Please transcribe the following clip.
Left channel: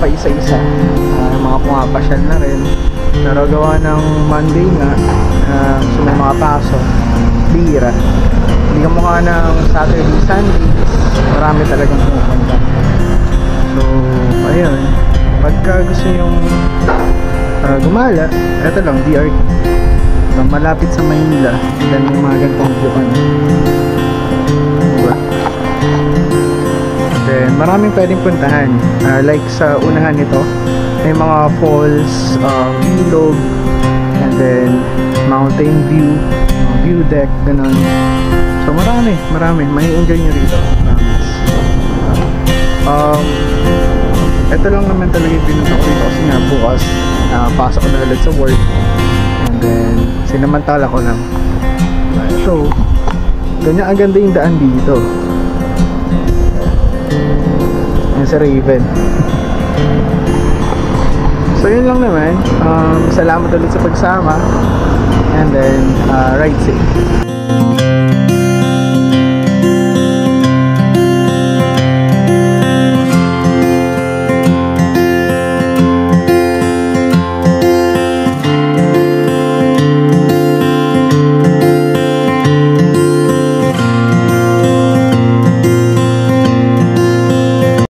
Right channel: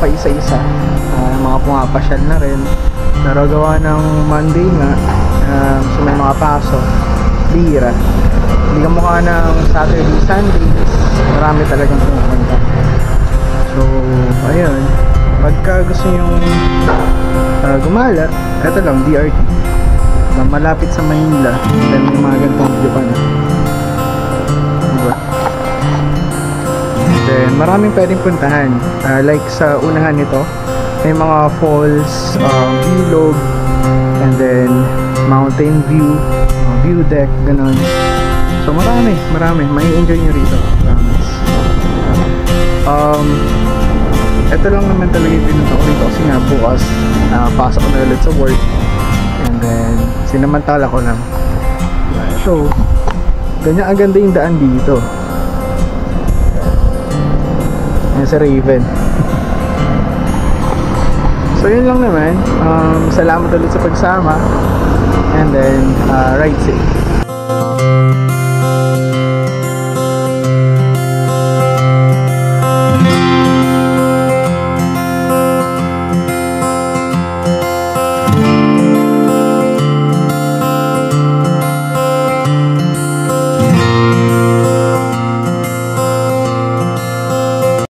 pa isa-isa, mga pumapasyal na rin. Pero gawa ng Monday nga, so may mga pasok, bihira. Hindi ka mukha ng Saturday, Sunday, marami talagang pumupunta. So ayun, pagka gusto nyong gumala, eto lang, DRT, malapit sa Maynila. Then may mga ganitong view pa na, diba? Then maraming pwedeng puntahan, like sa unahan nito may mga falls, ilog, and then mountain view, view deck, ganon. So marami, may enjoy nyo rito, promise. Ito lang naman talaga yung pinunta ko rito kasi nga bukas pasok ko na ulit sa work, and then sinamantala ko lang. So ganyan ang ganda yung daan dito. Yan sa Raven. So yun lang naman, salamat ulit sa pagsama, and then ride safe.